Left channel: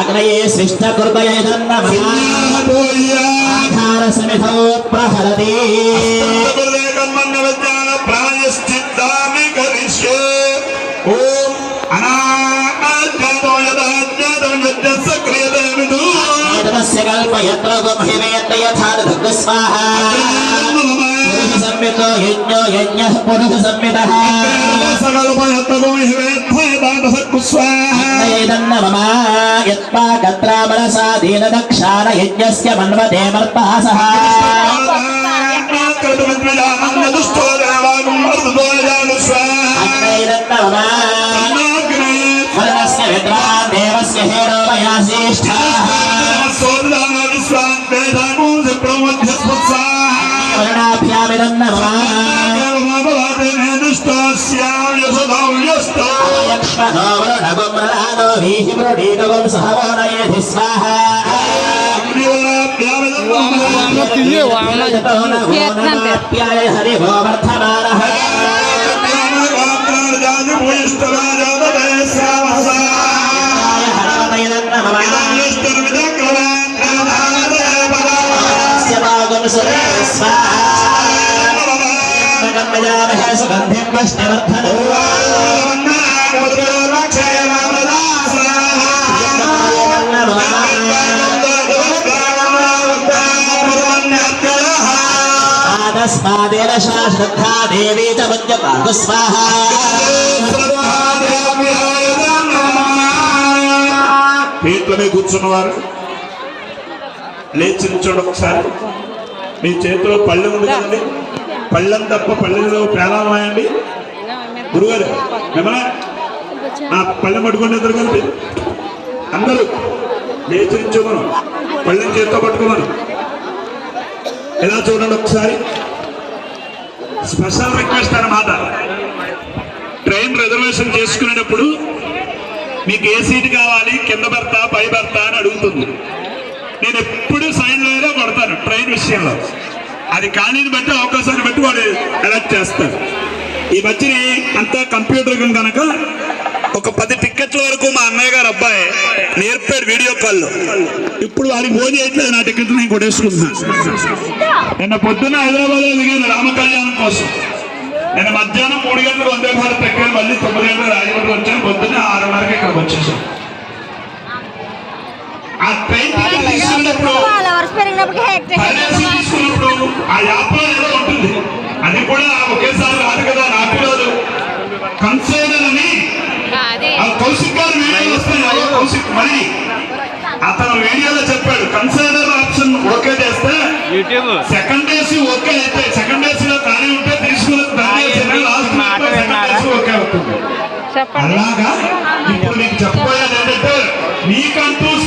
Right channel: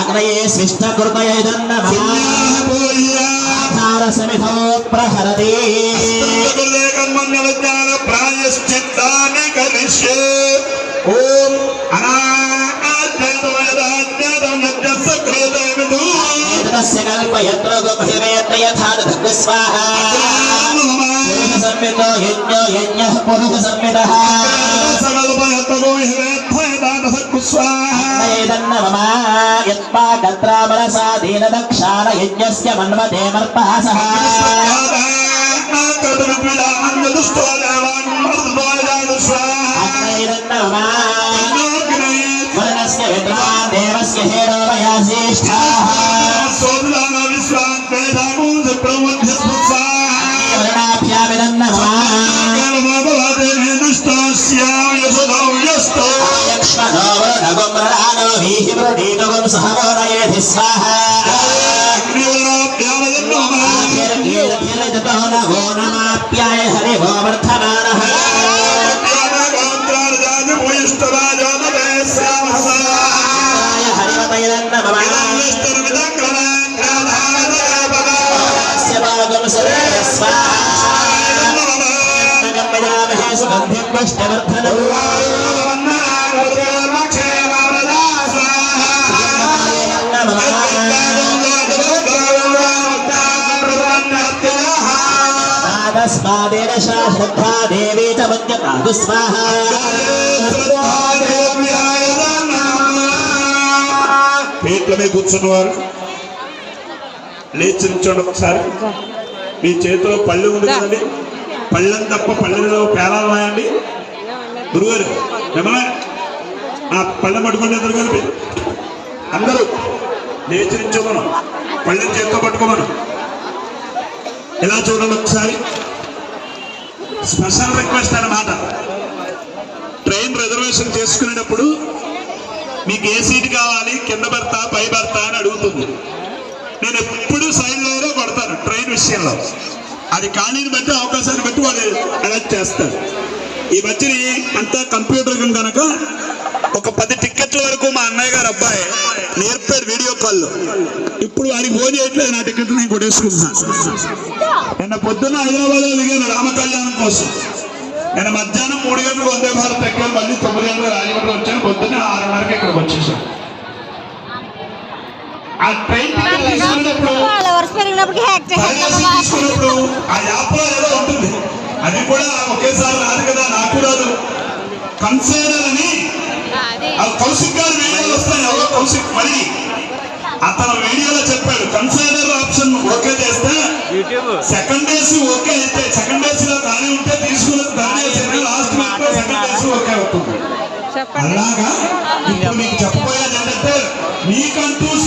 अग्नये सृष्ट कुर्मयदन्नमहारसमिधो प्रहरति प्रायश्चित्तानि करिष्ये ओम अनाज्ञातो यदाज्ञातो यज्ञस्य क्रियते विदु तस्य कल्पयत्रो गमहिमेत यथा दग्स्वाहा पुरुषसंमितो यज्ञो यज्ञः पुरुषसंमितः सकल्पयत्रो गमहिमेत यथा दग्स्वाहा एदन्नममा यत्पाकत्रा मनसा दीनदक्षाण यज्ञस्य मन्वते मर्पहासः मनस्य विद्वान् देवस्य हेरो मया ज्येष्ठः हरिभो वर्धमानः सुगंधिं पुष्टिवर्धनम् तस्मादेव श्रद्धा देवी च वज्रपाहु स्वाहा పీఠల మీద కూర్చున్నవారు లేచి నిల్చోండి. ఒకసారి మీ చేతిలో పళ్ళెం ఉండదండి, పళ్ళెం తప్ప పళ్ళెంలో పేలాలు వాయండి. గురుగారు మిమ్మల్ని నా పళ్ళెం పట్టుకోండి. ఎదురు కలిపి అందరూ లేచి నిల్చోమను, పళ్ళెం చేతితో పట్టుకోమను. ఎలా చూడండి ఒకసారి. స్పెషల్ రిక్వెస్ట్ అన్నమాట, ట్రైన్ రిజర్వేషన్ చేసుకునేటప్పుడు మీకు ఏ సీట్ కావాలి, కింద భర్త పై భర్త అని అడుగుతుంది. నేను ఎప్పుడు సైడ్ లైన్లో పడతాను ట్రైన్ విషయంలో. అది ఖాళీని బట్టి అవకాశాన్ని బట్టి వాడు ఎలక్ట్ చేస్తాడు. ఈ మధ్యని అంతా కంప్యూటర్ కనుక ఒక 10 టిక్కెట్ల వరకు మా అన్నయ్య గారు అబ్బాయి నేర్పాడు వీడియో కాల్లో. ఇప్పుడు వాడికి ఫోన్ చేయట్లేదు, నా టికెట్లు నేను కొట్టేసుకుంటున్నాను. నిన్న పొద్దున్న హైదరాబాద్లో దిగాను రామ కళ్యాణం కోసం. నేను మధ్యాహ్నం 3 గంటలకు వందే భారత్ ఎక్కాను, మళ్ళీ 9 గంటలకు రాజమండ్రి వచ్చాను. పొద్దున్న 6:30కి ఇక్కడికి వచ్చేసాను. ఆ ట్రైన్ టికెట్ తీసుకున్నప్పుడు ఆ యాప్లో ఏదో ఉంటుంది, అది కూడా ఒకేసారి రాదు కదా, నాకు రాదు. కన్సైనర్ అని కౌశిక్ గారి వీడియోలు వస్తాయి. కౌశిక్ మళ్ళీ అతను వీడియోలో చెప్పాడు, కన్సైనర్ ఆప్షన్ ఓకే చేస్తే సెకండ్ ఏసీ ఓకే అయితే, సెకండ్ ఏసీలో ఖాళీ ఉంటే తీసుకున్న third AC last second AC okay అవుతుంది. అలాగా ఇప్పుడు మీకు చెప్పబోయేది ఏంటంటే, మీకంటూ